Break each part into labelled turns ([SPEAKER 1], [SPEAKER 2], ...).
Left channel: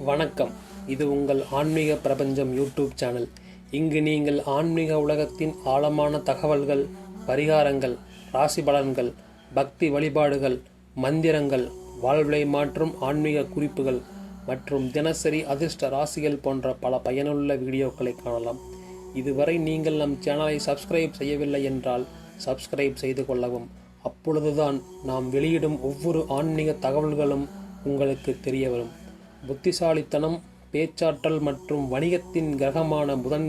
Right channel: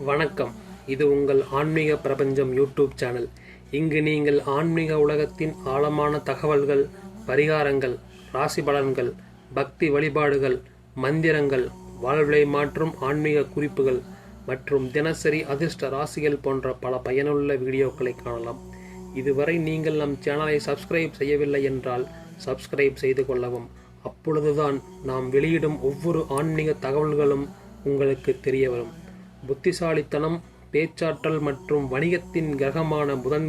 [SPEAKER 1] வணக்கம். இது உங்கள் ஆன்மீக பிரபஞ்சம் யூடியூப் சேனல். இங்கு நீங்கள் ஆன்மீக உலகத்தின் ஆழமான தகவல்கள் பரிகாரங்கள் ராசி பலன்கள் பக்தி வழிபாடுகள் மந்திரங்கள் வாழ்வை மாற்றும் ஆன்மீக குறிப்புகள் மற்றும் தினசரி அதிர்ஷ்ட ராசிகள் போன்ற பல பயனுள்ள வீடியோக்களை காணலாம். இதுவரை நீங்கள் நம் சேனலை சப்ஸ்கிரைப் செய்யவில்லை என்றால் சப்ஸ்கிரைப் செய்து கொள்ளவும். அப்பொழுதுதான் நாம் வெளியிடும் ஒவ்வொரு ஆன்மீக தகவல்களும் உங்களுக்கு தெரிய வரும். புத்திசாலித்தனம் பேச்சாற்றல் மற்றும் வணிகத்தின் கிரகமான புதன்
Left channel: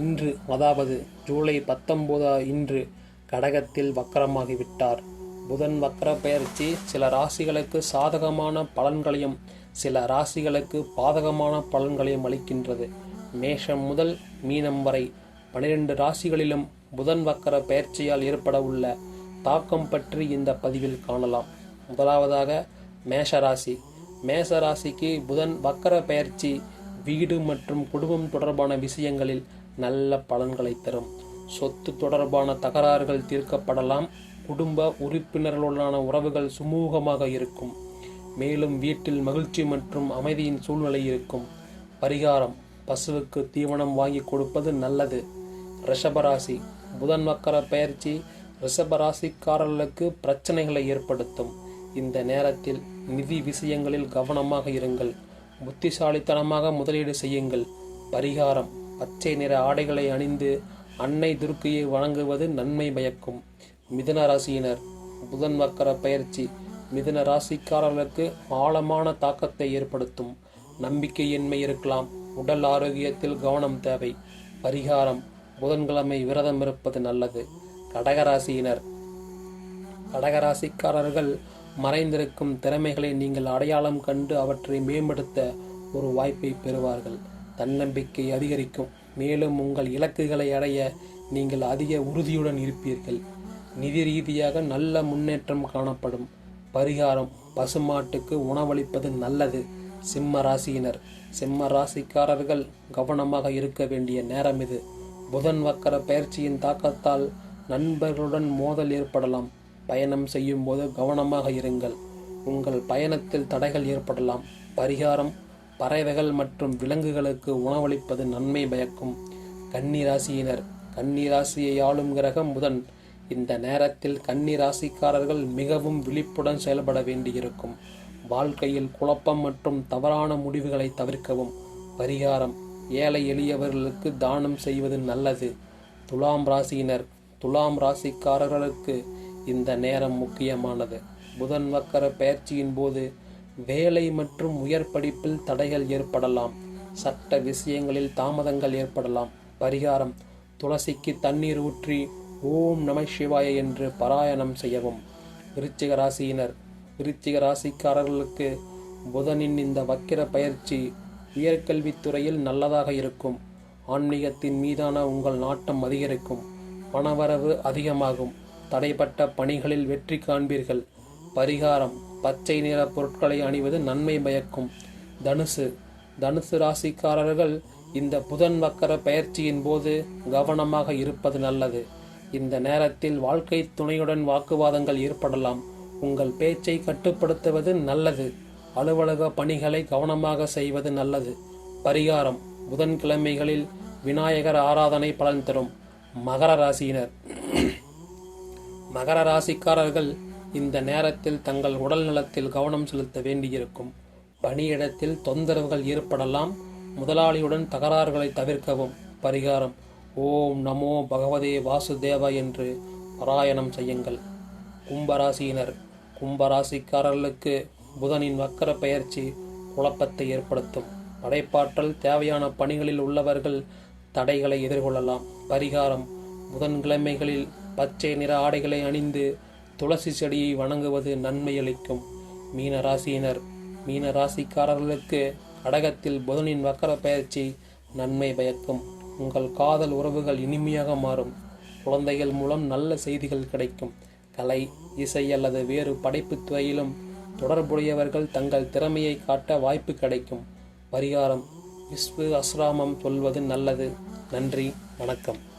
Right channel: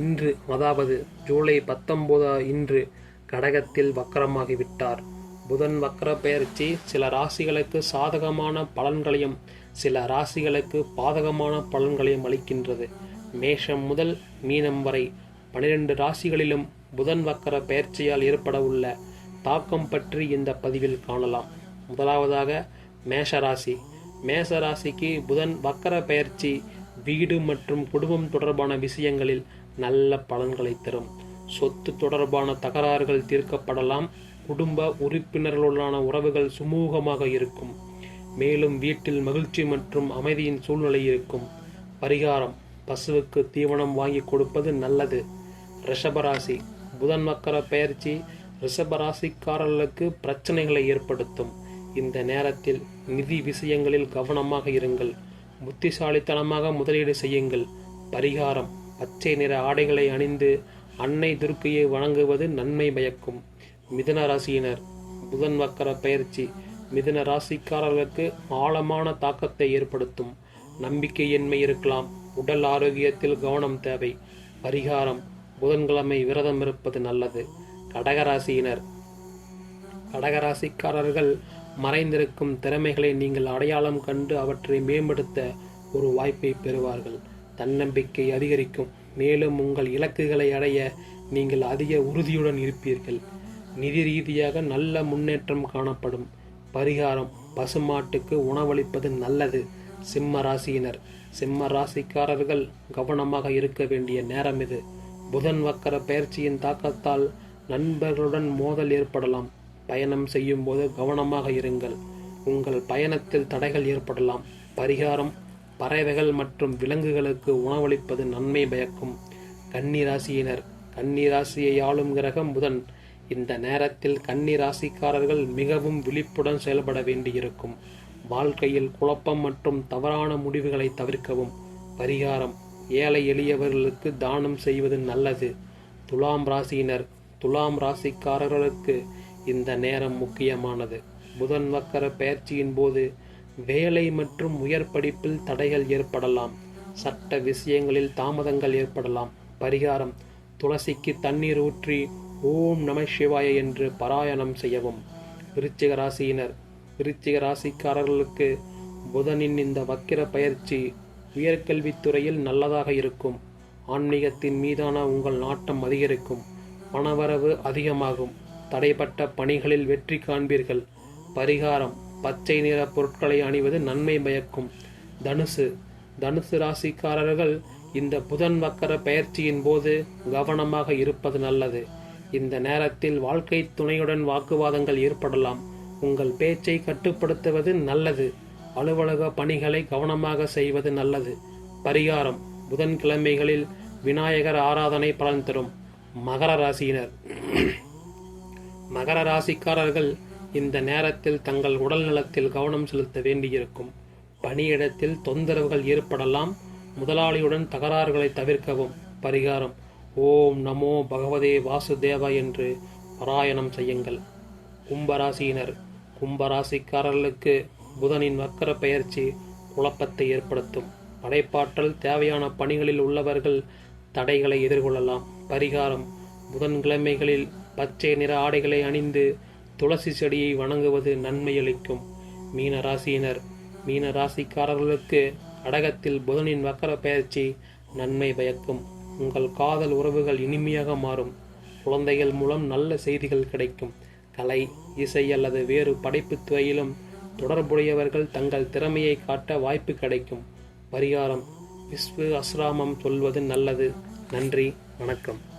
[SPEAKER 1] இன்று அதாவது ஜூலை பத்தொன்பது இன்று கடகத்தில் வக்கரமாகிவிட்டார். புதன் வக்கர பெயர்ச்சி சில ராசிகளுக்கு சாதகமான பலன்களையும் சில ராசிகளுக்கு பாதகமான பலன்களையும் அளிக்கின்றது. மேஷம் முதல் மீனம் வரை பனிரெண்டு ராசிகளிலும் புதன் வக்கர பெயர்ச்சியால் ஏற்பட உள்ள தாக்கம் பற்றி இந்த பதிவில் காணலாம். முதலாவதாக மேஷராசி மேசராசிக்கு புதன் வக்கர பயிற்சி வீடு மற்றும் குடும்பம் தொடர்பான விஷயங்களில் நல்ல பலன்களை தரும். சொத்து தொடர்பான தகராறுகள் தீர்க்கப்படலாம். குடும்ப உறுப்பினர்களுடனான உறவுகள் சுமூகமாக இருக்கும். மேலும் வீட்டில் மகிழ்ச்சி மற்றும் அமைதியின் சூழ்நிலை இருக்கும். பரிகாரம் பசுவுக்கு தீவனம் வாங்கி கொடுப்பது நல்லது. ரிஷபராசி புதன் வக்கர பயிற்சி ரிஷபராசிக்காரர்களுக்கு பிரச்சனைகளை ஏற்படுத்தும். இந்த நேரத்தில் நிதி விஷயங்களில் கவனமாக இருங்கள். புத்திசாலித்தனமாக முதலீடு செய்யுங்கள். பரிகாரம் பச்சை நிற ஆடைகளை அணிந்து அன்னை துர்க்கையை வணங்குவது நன்மை பயக்கும். மிதன ராசியினர் புதன் வக்கர பயிற்சி மிதன ராசிக்காரர்களுக்கு ஆழமான தாக்கத்தை ஏற்படுத்தும். நம்பிக்கையின்மை இருக்கலாம். உடல் ஆரோக்கியத்தில் கவனம் தேவை. பரிகாரம் புதன்கிழமை விரதம் இருப்பது நல்லது. கடகராசியினர் கடகராசிக்காரர்கள் மறைந்திருக்கும் திறமைகளை நீங்கள் அடையாளம் கண்டு அவற்றை மேம்படுத்த ஒரு வாய்ப்பை பெறுவார்கள். தன்னம்பிக்கை அதிகரிக்கும். மேலும் உங்கள் இலக்குகளை அடைய நீங்கள் அதிக உறுதியுடன் இருப்பீர்கள். நிதி ரீதியாக நல்ல முன்னேற்றம் காணப்படும். பரிகாரம் பசுமாட்டுக்கு உணவளிப்பது நல்லது. சிம்ம ராசியினர். சிம்ம ராசிக்காரர்கள் கவனமாக இருக்க வேண்டிய நேரம் இது. புதன் வக்கர பயிற்சியின் தாக்கத்தால் நண்பர்களுடன் மோதல் ஏற்படலாம். பயணம் செய்யும்போது கவனமாக இருங்கள். உங்கள் பயணத்தில் தடைகள் ஏற்படலாம். பரிகாரம் பறவைகள் மற்றும் விலங்குகளுக்கு உணவளிப்பது நன்மை பயக்கும். கன்னிராசியினர் கன்னிராசியை ஆளும் கிரகம் புதன். இந்த நேரத்தில் கன்னிராசிக்காரர்கள் மிகவும் விழிப்புடன் செயல்பட வேண்டியிருக்கும். வாழ்க்கையில் குழப்பம் மற்றும் தவறான முடிவுகளை தவிர்க்கவும். பரிகாரம் ஏழை எளியவர்களுக்கு தானம் செய்வது நல்லது. துலாம் ராசியினர் துலாம் ராசிக்காரர்களுக்கு இந்த நேரம் முக்கியமானது. புதன் வக்கர பயிற்சியின் போது வேலை மற்றும் உயர் படிப்பில் தடைகள் ஏற்படலாம். சட்ட விஷயங்களில் தாமதங்கள் ஏற்படலாம். பரிகாரம் துளசிக்கு தண்ணீர் ஊற்றி ஓம் நம சிவாய என்று பாராயணம் செய்யவும். விருச்சிக ராசியினர் விருச்சிக ராசிக்காரர்களுக்கு புதனின் இந்த வக்கிர பயிற்சி உயர்கல்வித்துறையில் நல்லதாக இருக்கும். ஆன்மீகத்தின் மீதான உங்கள் நாட்டம் அதிகரிக்கும். பணவரவு அதிகமாகும். தடைப்பட்ட பணிகளில் வெற்றி காண்பீர்கள். பரிகாரம் பச்சை நிற பொருட்களை அணிவது நன்மை பயக்கும். தனுசு தனுசு ராசிக்காரர்கள் இந்த புதன் வக்கர பயிற்சியின் போது கவனமாக இருப்பது நல்லது. இந்த நேரத்தில் வாழ்க்கை துணையுடன் வாக்குவாதங்கள் ஏற்படலாம். உங்கள் பேச்சை கட்டுப்படுத்துவது நல்லது. அலுவலக பணிகளை கவனமாக செய்வது நல்லது. பரிகாரம் புதன்கிழமைகளில் விநாயகர் ஆராதனை பலன் தரும். மகர ராசியினர். மகர ராசிக்காரர்கள் இந்த நேரத்தில் தங்கள் உடல் நலத்தில் கவனம் செலுத்த வேண்டியிருக்கும். பணியிடத்தில் தொந்தரவுகள் ஏற்படலாம். முதலாளியுடன் தகராறுகளை தவிர்க்கவும். பரிகாரம் ஓம் நமோ பகவதே வாசுதேவா என்று பாராயணம் செய்யுங்கள். கும்பராசியினர் கும்பராசிக்காரர்களுக்கு புதனின் வக்கர பெயர்ச்சி குழப்பத்தை ஏற்படுத்தும். படைப்பாற்றல் தேவையான பணிகளில் உள்ளவர்கள் தடைகளை எதிர்கொள்ளலாம். பரிகாரம் புதன்கிழமைகளில் பச்சை நிற ஆடைகளை அணிந்து துளசி செடியை வணங்குவது நன்மையளிக்கும். மீன ராசியினர் மீன ராசிக்காரர்களுக்கு கடகத்தில் புதனின் வக்கர பயிற்சி நன்மை பயக்கும். உங்கள் காதல் உறவுகள் இனிமையாக மாறும். குழந்தைகள் மூலம் நல்ல செய்திகள் கிடைக்கும். கலை இசை அல்லது வேறு படைப்பு துறையிலும் தொடர்புடையவர்கள் தங்கள் திறமையை காட்ட வாய்ப்பு கிடைக்கும். பரிகாரம் விஸ்வ அஸ்ராமம் சொல்வது நல்லது. நன்றி வணக்கம்.